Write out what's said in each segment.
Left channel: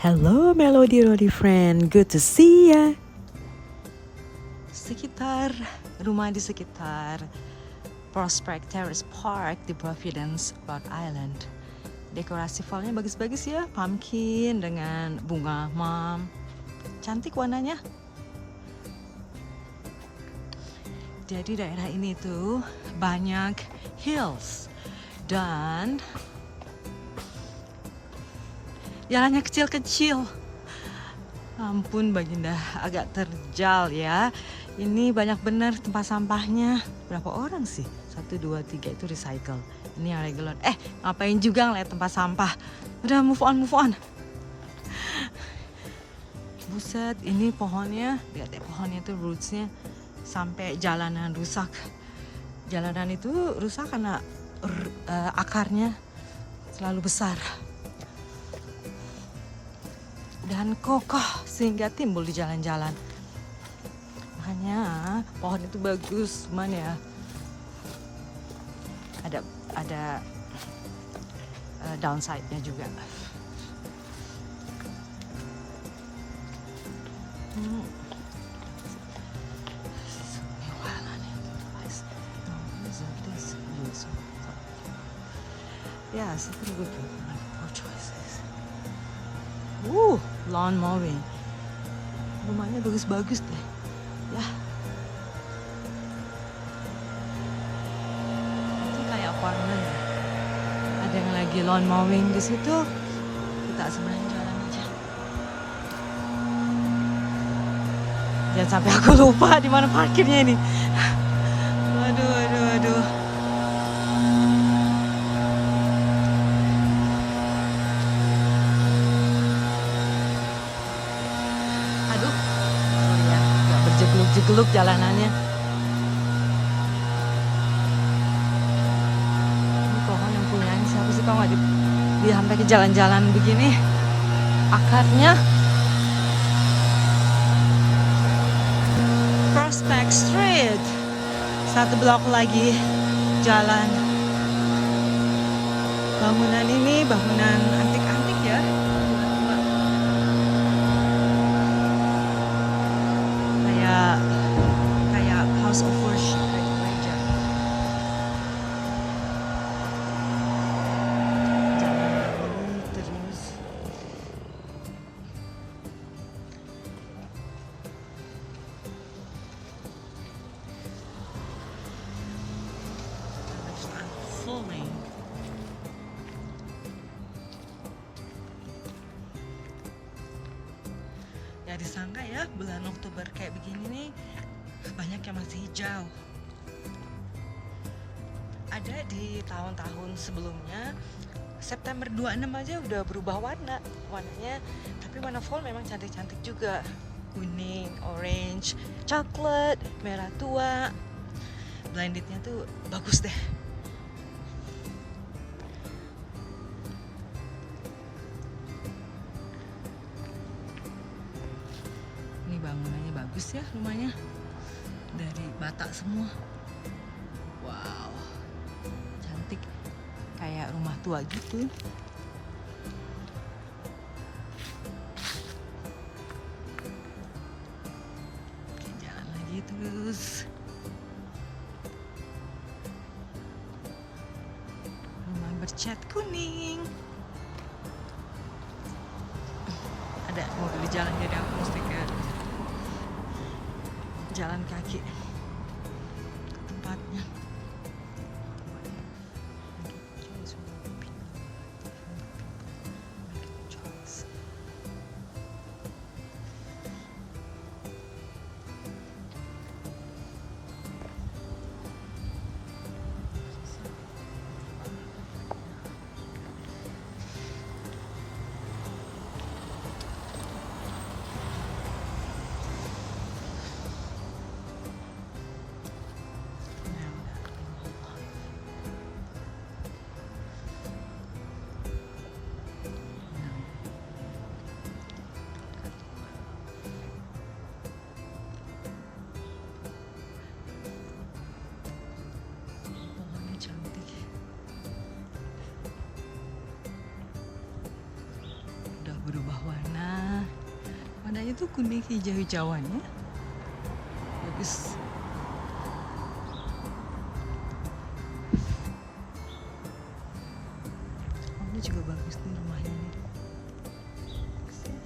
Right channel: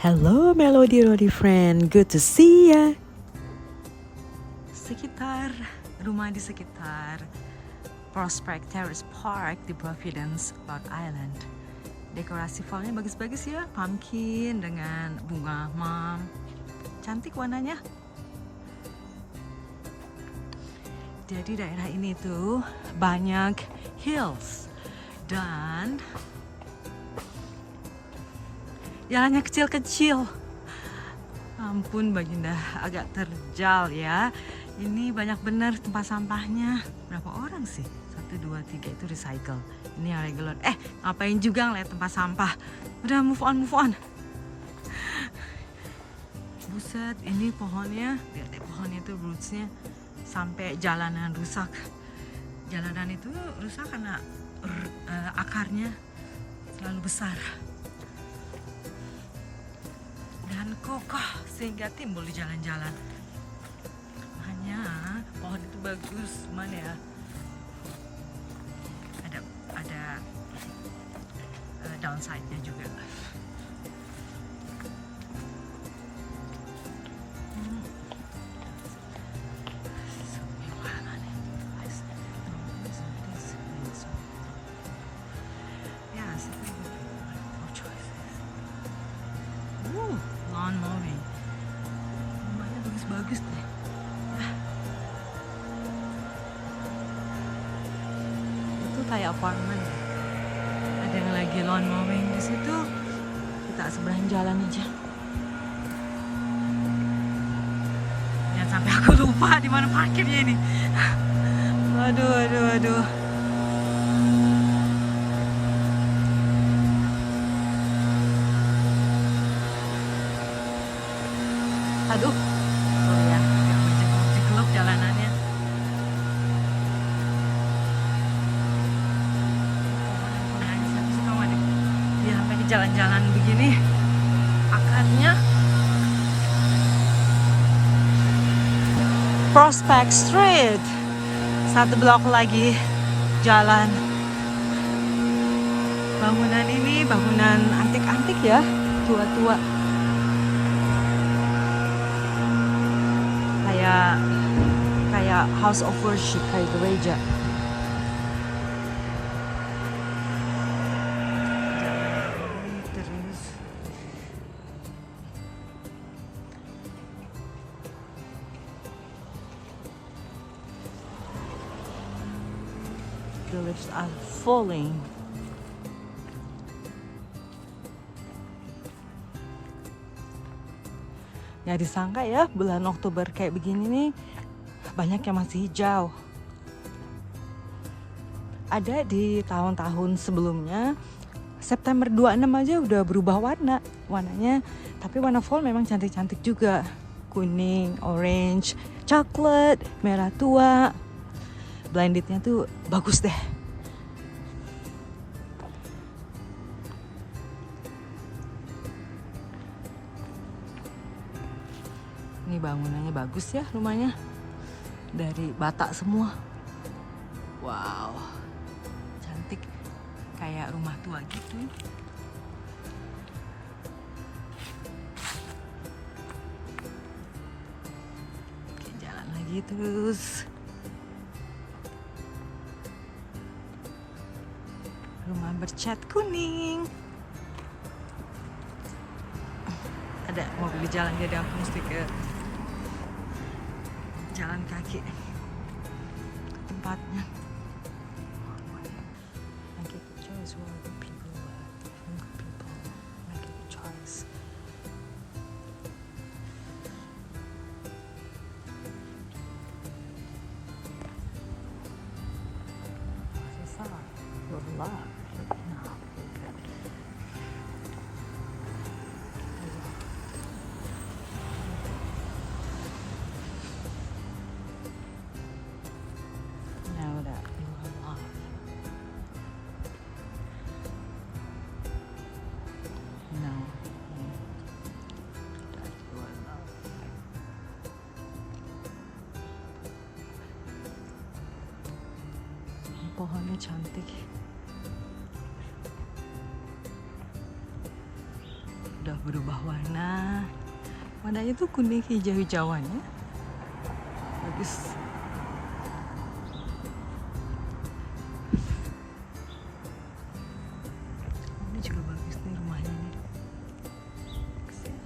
Hello Melody Rodi friend, good to see ya. Rumah di sekitar Prospect Terrace Park di Providence, Rhode Island. Dekorasi fallnya bagus-bagus ya, pumpkin dengan bunga mom. Cantik warnanya. Jadi daerah ini tuh banyak hills dan jalannya kecil-kecil. Ampun Baginda, agak terjal ya. Ini banyak benar tempat sampahnya. Berapa orang sih? 1, 2, 3 itu recycle. Ini yang regular. Ngapain juga ngeliat tempat sampah. Udah move on. Buset, ini pohonnya. Lihat ya pohonnya tuh rootsnya sampai jalanan rusak. Jalanan itu rusak karena akarnya selalu besar. Dan kokoh sehingga timbul di jalan-jalan. Makanya pohon itu bagus, cuman ya ada downside-nya juga. Yeah, it's a pretty good choices. Lawn mowing. Rumahnya bagus-bagus deh. Ya. Itu kayak apartemen. Ada yang lagi lawn mowing di situ. Kita seberang jalan aja. Jangan sampai aku lupa di mana parkirnya ini. Aduh. Sorry ya, agak berjegluk-jegluk jalanannya. Ini pohon yang punyanya siapa sih, kalau nggak dibilang lagi jalan-jalan begini akarnya. Prospect Street, 1 blok lagi jalan. Bangunan ini bangunan antik-antik ya, tua-tua. Kayak house of worship, kayak gereja. Jalan ini terus. The leaves are falling. Nggak disangka ya bulan Oktober kayak begini nih banyak yang masih hijau. Ada di tahun-tahun sebelumnya September 26 aja udah berubah warnanya. Tapi warna fall memang cantik-cantik juga. Kuning, orange, coklat, merah tua. Blendednya tuh bagus deh. Ini bangunannya bagus ya, rumahnya dari bata semua. Wow, cantik, kayak rumah tua gitu. Oke, jalan lagi terus. Rumah bercat kuning. Ada mobil di jalan, jadi aku mesti ke jalan kaki ke tempatnya. Make a choice for the people. Make a choice. berubah warna. Warnanya tuh kuning hijau-hijauan ya. Bagus. Oh, ini juga bagus nih rumahnya nih. Bagus ya.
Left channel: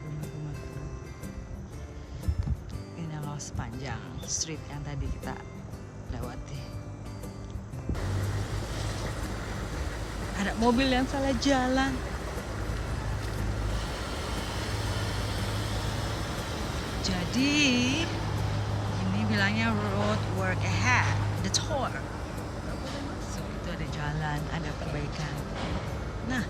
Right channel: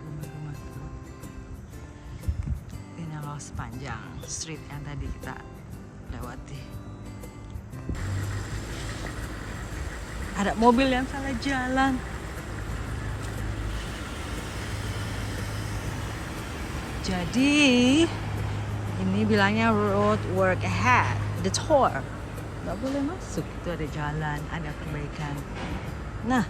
Rumah-rumah tuh. Ini loh sepanjang street yang tadi kita lewati. Ada mobil yang salah jalan. Jadi ini bilangnya road work ahead, the tour. Nggak boleh masuk, itu ada jalan, ada perbaikan. Nah,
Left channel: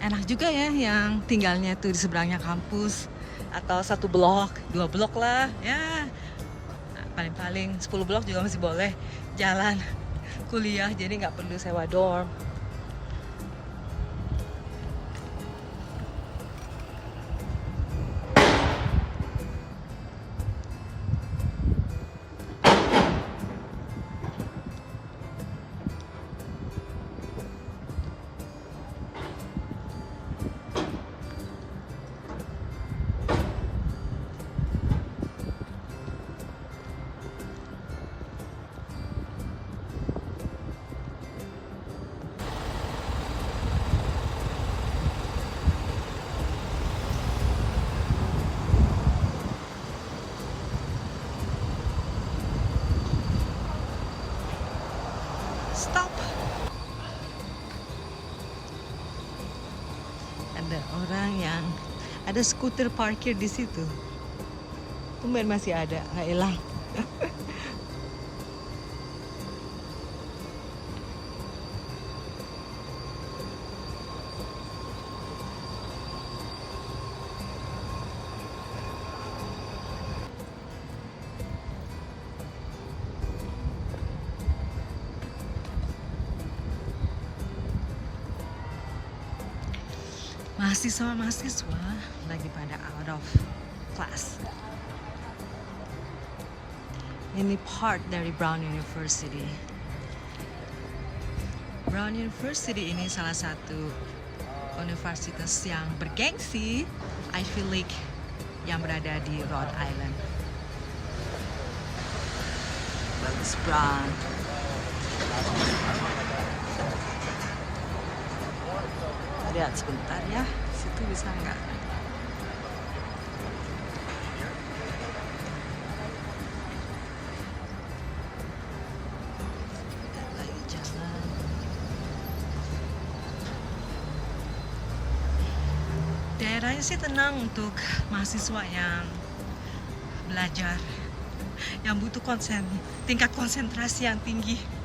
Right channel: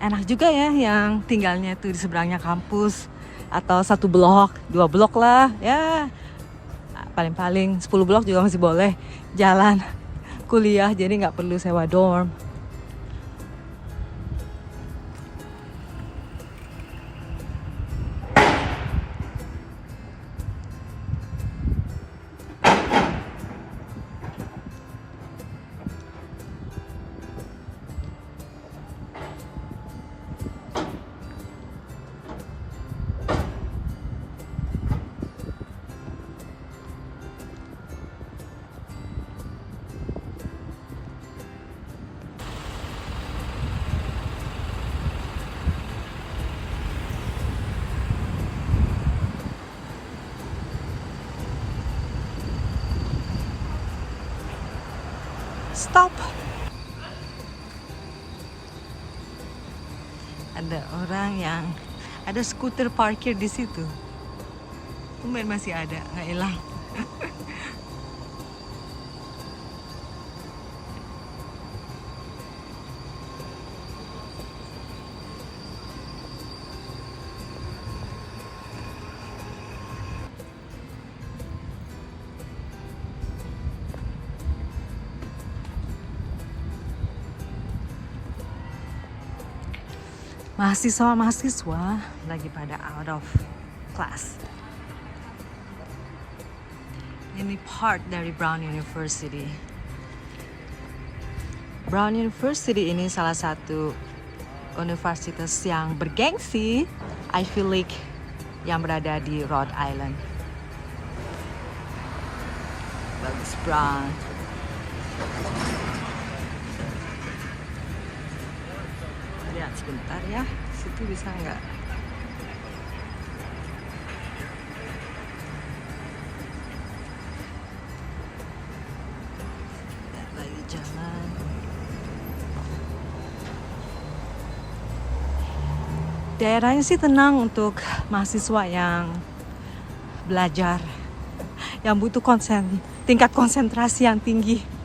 enak juga ya yang tinggalnya tuh di seberangnya kampus atau 1 blok, 2 blok lah ya, paling-paling 10 blok juga masih boleh jalan kuliah, jadi nggak perlu sewa dorm. Stop. Ada orang yang ada skuter parkir di situ. Tumben masih ada, nggak hilang. Mahasiswa lagi pada out of class. Ini part dari Brown University. Brown University ini salah satu universitas yang bergengsi, Ivy League, yang berada di Rhode Island. Bagus Brown. Lihat sebentar ya, situ bisa nggak? Lihat lagi jalan. Daerahnya sih tenang untuk mahasiswa yang belajar, yang butuh tingkat konsentrasi yang tinggi.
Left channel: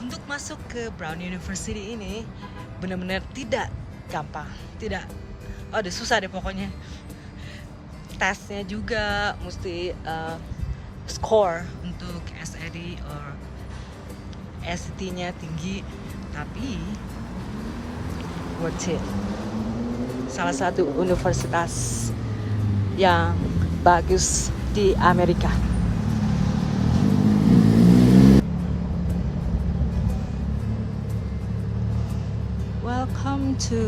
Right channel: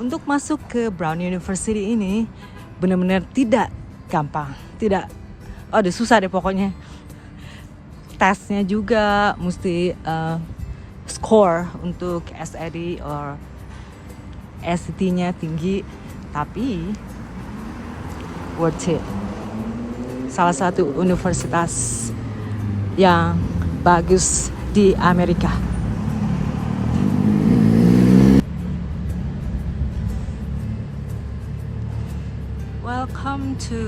Untuk masuk ke Brown University ini benar-benar tidak gampang, susah deh pokoknya. Tesnya juga mesti score untuk SAT or SAT-nya tinggi, tapi worth it. Salah satu universitas yang bagus di Amerika. Welcome to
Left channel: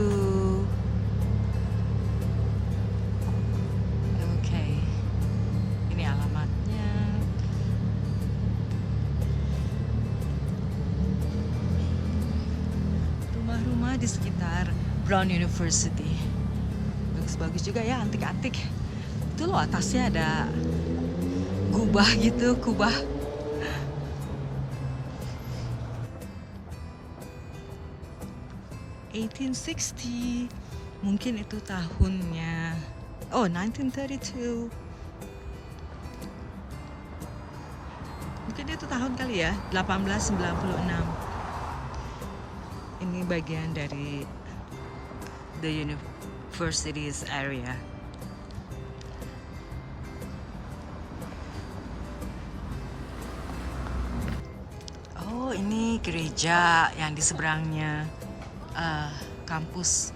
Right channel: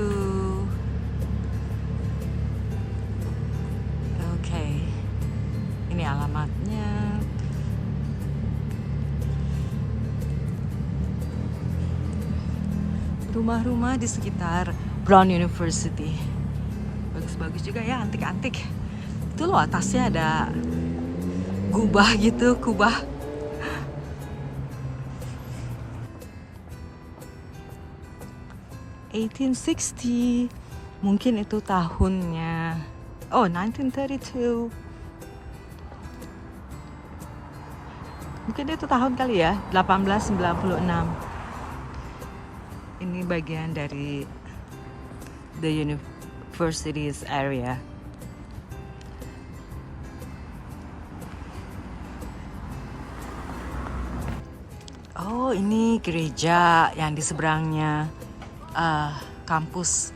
ini alamatnya. Rumah-rumah di sekitar Brown University bagus-bagus juga ya, antik-antik. Itu loh atasnya ada kubah gitu, kubah. (1860) mungkin itu tahunnya. 1932. Mungkin itu tahun kali ya, 1896. Ini bagian dari the university's area. Oh, ini gereja yang di seberangnya kampus.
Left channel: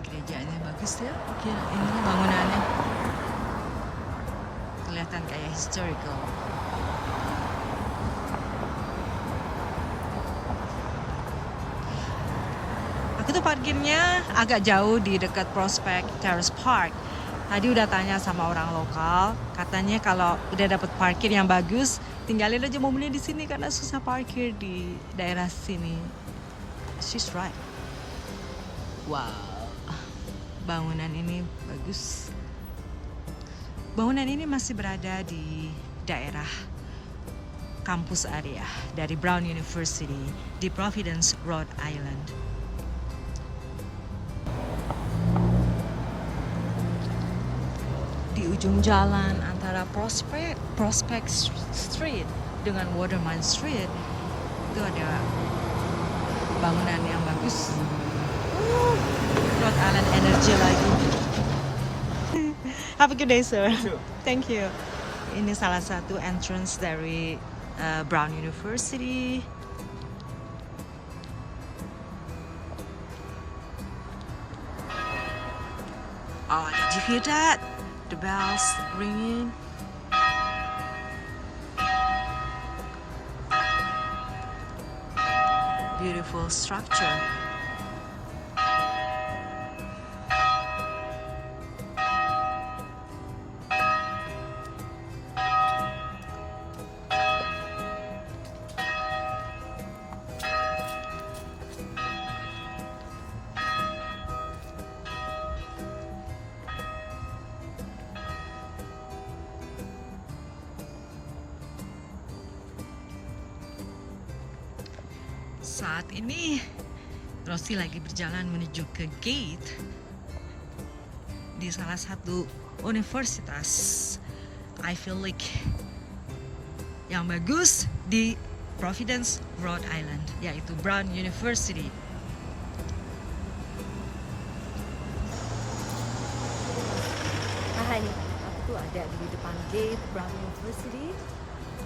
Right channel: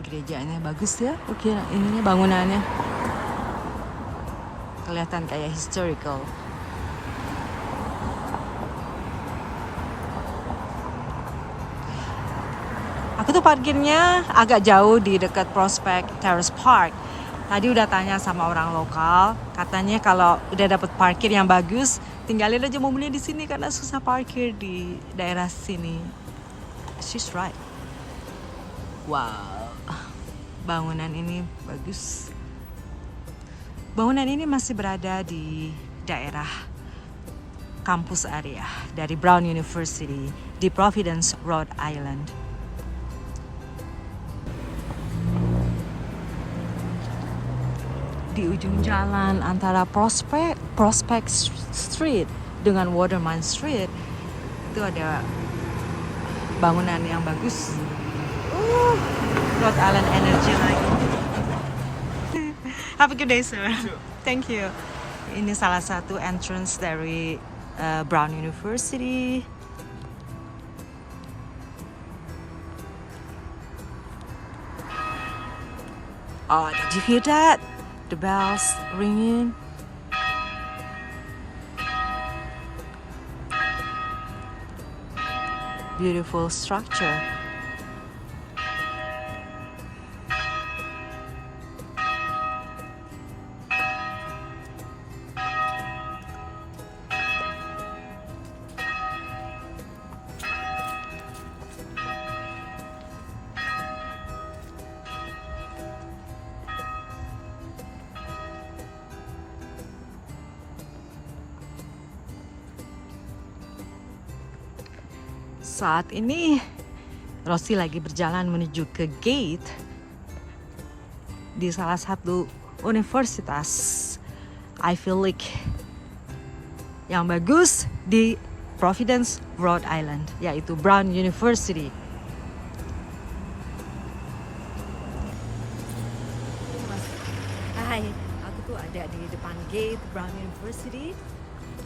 Gerejanya bagus ya, ininya bangunannya kelihatan kayak historical. Aku tuh parkirnya agak jauh di dekat Prospect Terrace Park. Tadi udah tanya sama orang lokal, katanya kalau udah dapet parkir yang bagus, tinggalin aja mobilnya di sini karena susah parkir di daerah sini. She's right. Wow, bangunan ini bagus. Bangunan ini masih berada di daerah kampus area dari Brown University di Providence, Rhode Island. Di ujung jalan antara Prospect Street dengan Waterman Street itu ada bangunan yang bagus. Rhode Island Energy lagi. Have a good day, sir. Thank you. Ini salah satu entrance dari Brown University. Oh, did you hear that? The bells ringing. Beautiful structure. Saat ini Rosie lagi berjalan menuju ke gate di salah satu universitas Ivy League yang bagus di Providence, Rhode Island, yaitu Brown University. Hai, aku tuh ada di depan gate Brown University,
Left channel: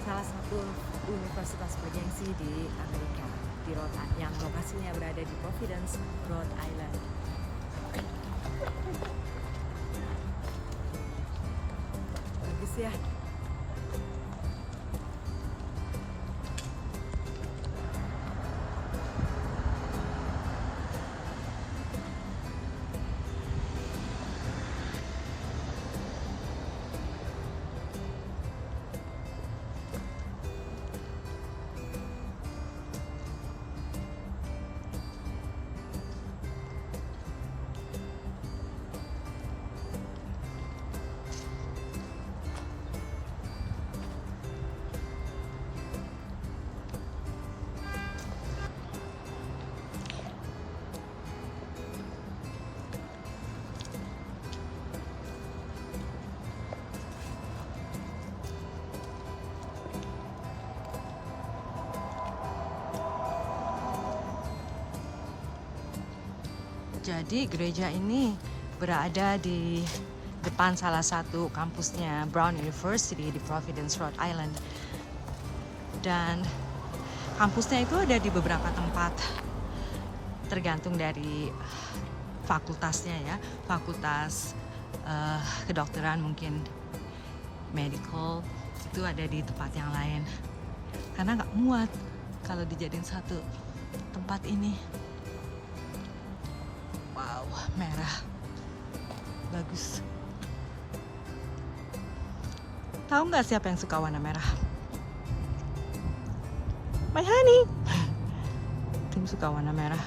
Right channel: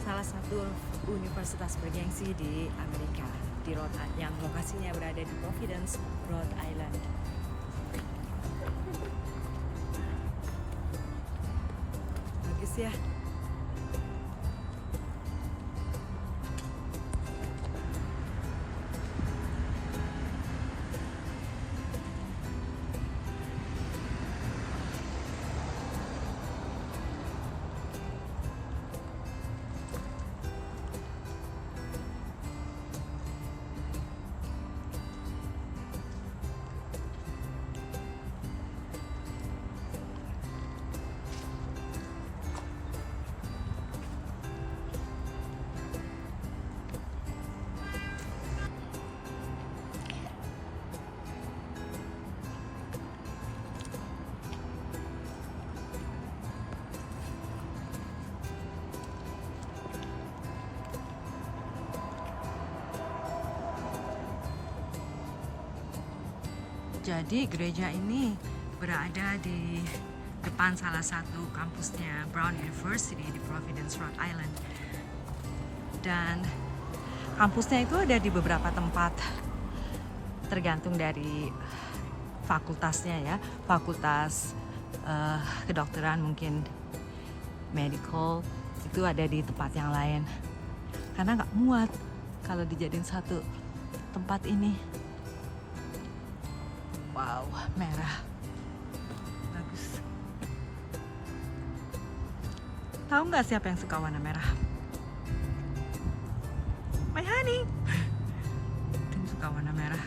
salah satu universitas bergengsi di Amerika, di Rhode Island, yang lokasinya berada di Providence, Rhode Island. Bagus ya. Jadi gereja ini berada di depan salah satu kampusnya Brown University di Providence, Rhode Island. Dan kampusnya itu ada di beberapa tempat, tergantung dari fakultasnya ya. Fakultas kedokteran, mungkin medical, itu ada di tempat yang lain. Karena nggak muat kalau dijadiin satu tempat ini. Wow, merah. Bagus. Tahu nggak siapa yang suka warna merah? My honey. Tim suka warna merah.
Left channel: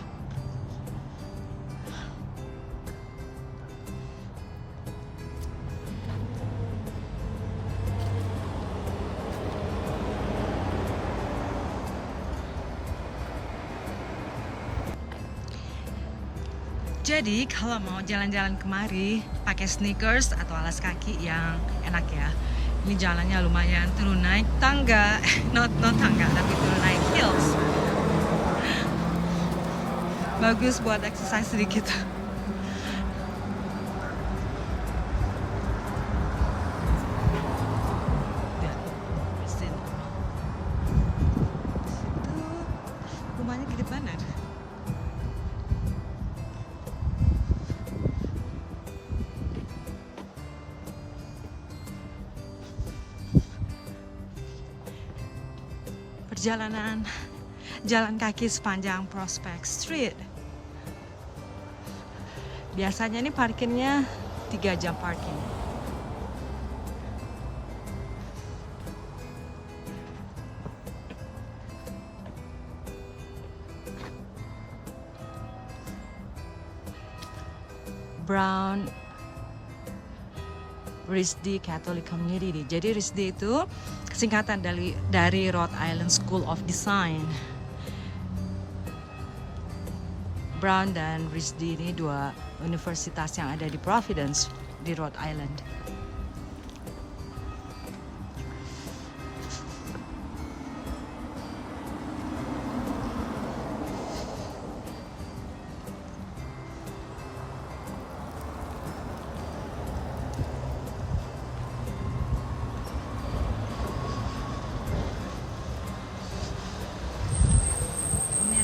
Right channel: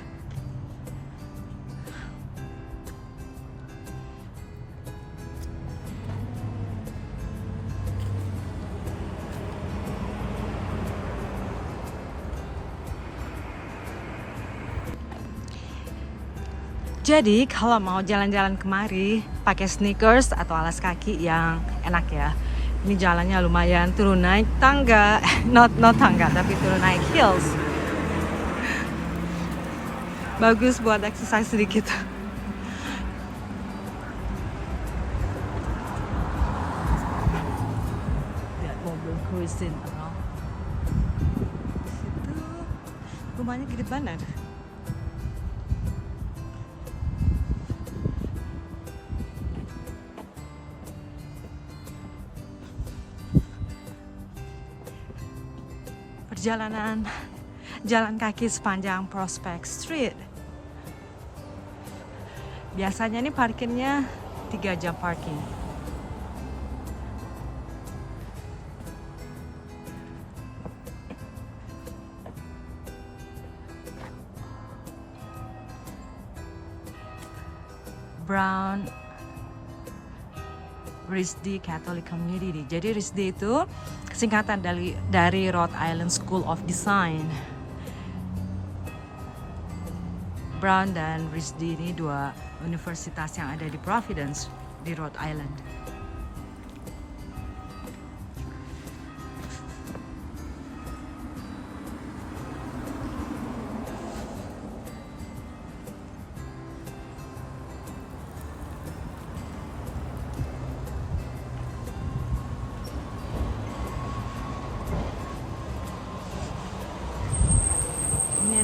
Jadi kalau mau jalan-jalan kemari pakai sneakers atau alas kaki yang enak ya. Ini jalannya lumayan turun naik tangga, not tangga tapi turun naik hills. Bagus buat exercise sedikit. Lihat mobil cruising around. rumahnya gede banget. Perjalanan jalan kaki sepanjang Prospect Street. Biasanya ini parkirnya 3 jam parking. Brown RISD Catholic Community. Jadi RISD itu singkatan dari Rhode Island School of Design. Brown dan RISD ini dua universitas yang ada di Providence di Rhode Island.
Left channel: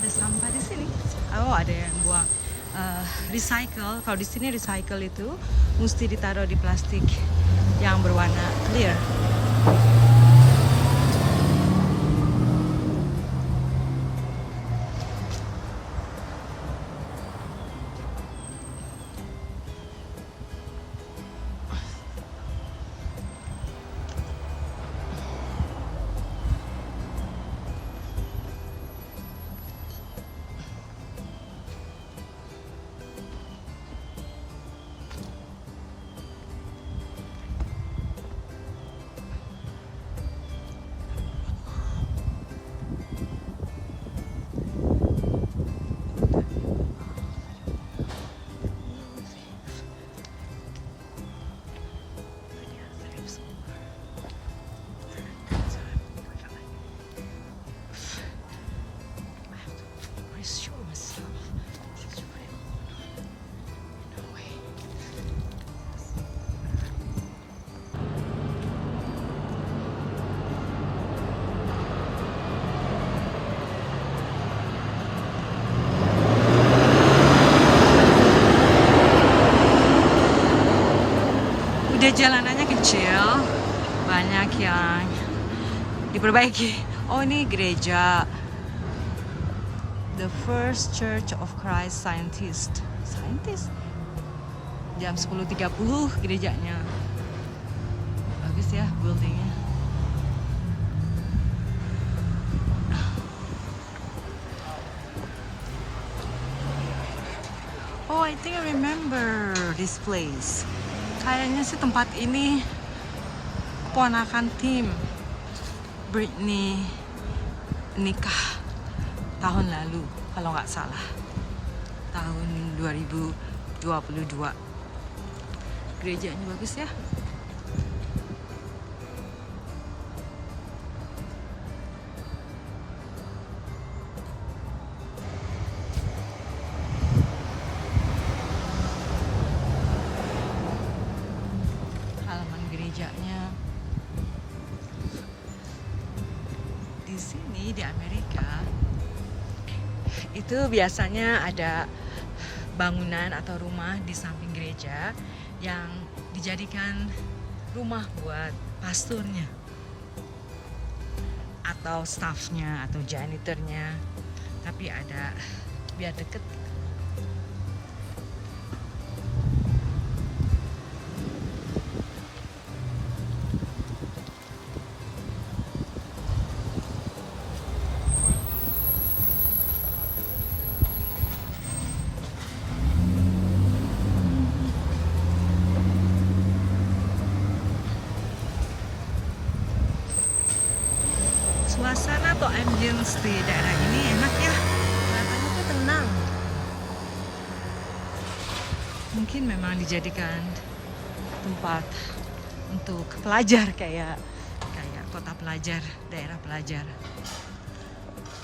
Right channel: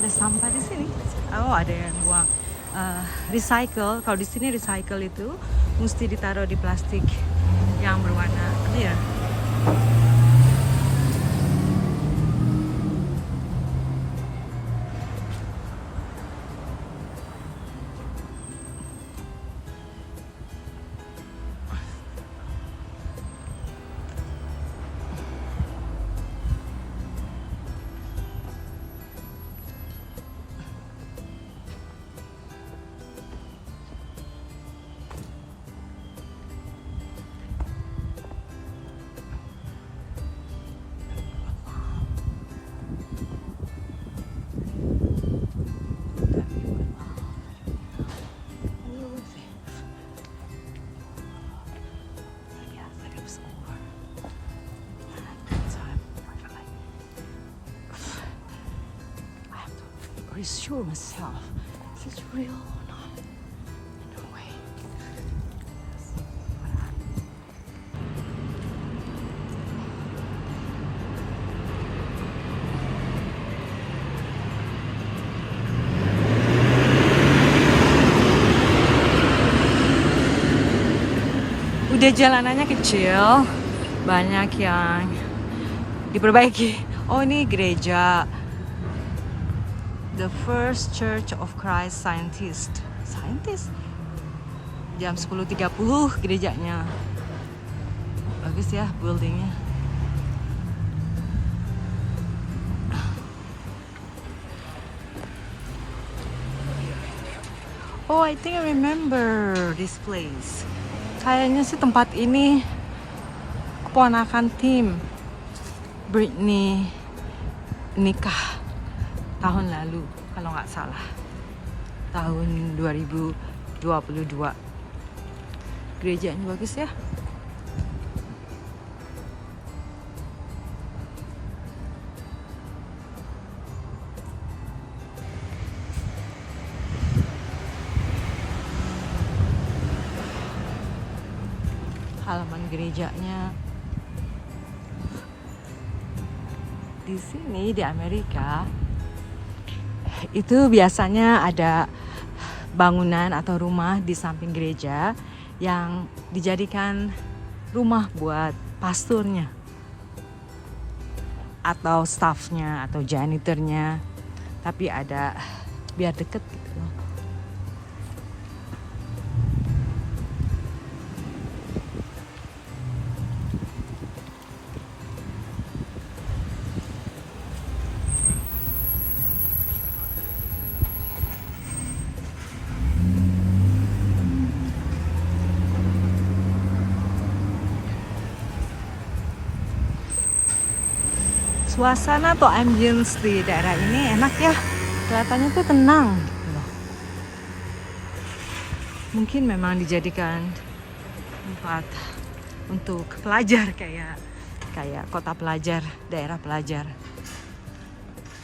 Ada sampah di sini. Oh, ada yang buang recycle. Kalau di sini recycle itu mesti ditaruh di plastik yang berwarna clear. Reassure myself, is this real or not? No way. Udah jalanannya kecil, banyak yang diperbaiki. Oh, ini gereja The First Church of Christ Scientist. Jam 10.30 gerejanya. Bagus ya buildingnya. Oh, I think I remember this place. Kayaknya sih tempat ini keponakan Tim Britney nikah tahun lalu, kalau nggak salah, tahun 2022. Gerejanya bagus ya. Halaman gerejanya. Di sini di Amerika itu biasanya ada bangunan atau rumah di samping gereja yang dijadikan rumah buat pasturnya atau staffnya atau janitornya, tapi ada biar deket. Suasana atau ambience di daerah ini enak ya, kelihatannya tuh tenang. Mungkin memang dijadikan tempat untuk pelajar, kayak kota pelajar, daerah pelajar.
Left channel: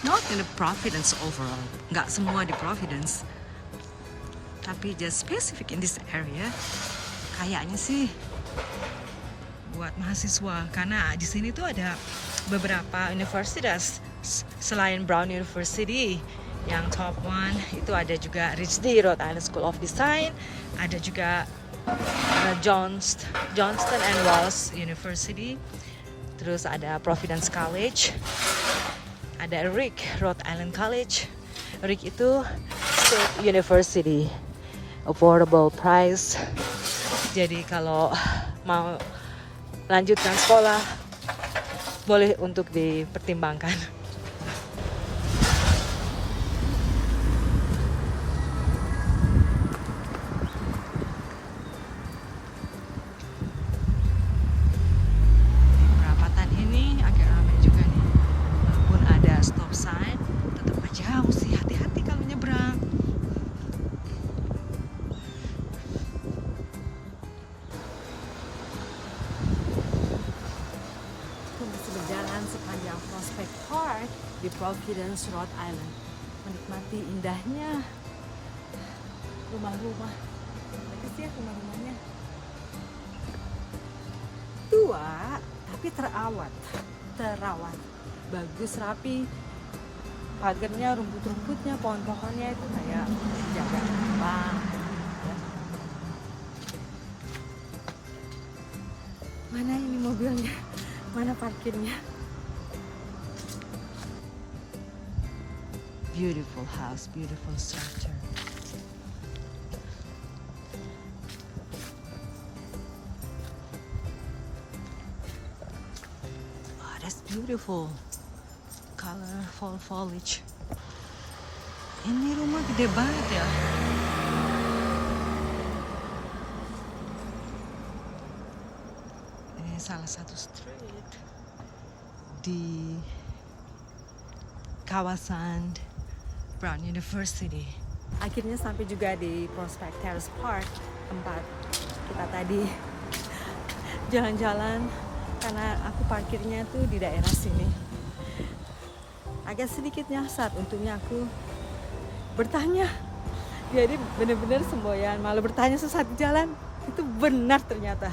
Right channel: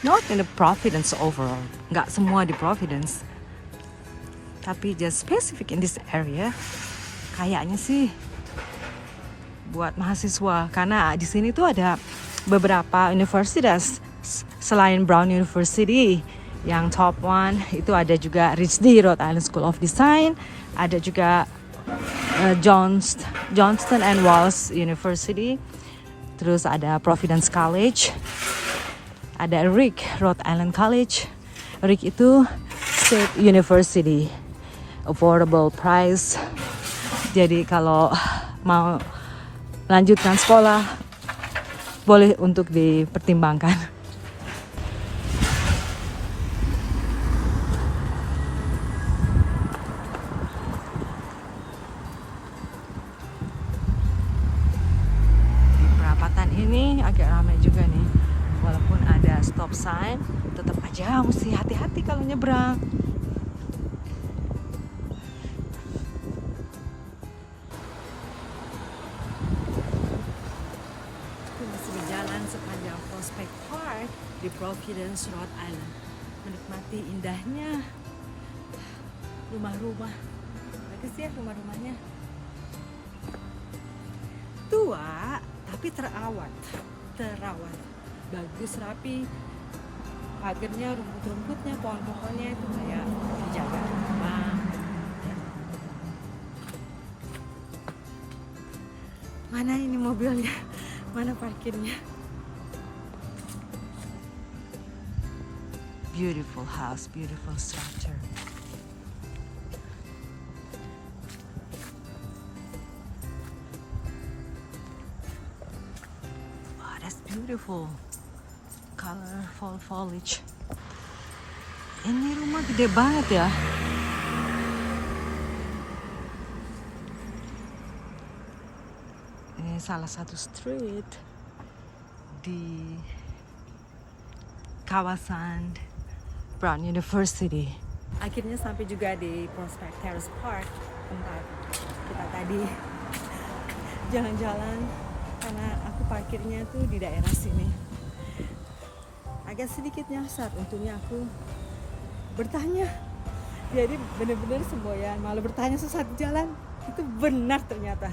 Not in the Providence overall, nggak semua di Providence, tapi just specific in this area. Kayaknya sih buat mahasiswa, karena di sini tuh ada beberapa universitas selain Brown University yang top one, itu ada juga RISD, Rhode Island School of Design, ada juga Johnston and Walls University, terus ada Providence College, ada RIC, Rhode Island College. RIC itu State University, affordable price. Jadi kalau mau lanjutkan sekolah boleh untuk dipertimbangkan. Perapatan ini agak ramai juga nih, walaupun ada stop sign, tetap aja mesti hati-hati kalau nyebrang. Masih berjalan sepanjang Prospect Park di Providence, Rhode Island, menikmati indahnya rumah-rumah. Bagus ya rumah-rumahnya, tua tapi terawat, bagus, rapi. Pagarnya, rumput-rumputnya, pohon-pohonnya itu kayak dijaga banget. Mana ini mobilnya? Mana parkirnya? Beautiful house, beautiful structure. Wow, that's beautiful. Colorful foliage. Ini rumah gede banget ya. Salah satu street di kawasan Brown University. Akhirnya sampai juga di Prospect Terrace Park, tempat kita tadi jalan-jalan, karena aku parkirnya tuh di daerah sini. Agak sedikit nyasar, untungnya aku bertanya. Jadi bener-bener semboyan, malah bertanya sesat jalan, itu benar ternyata.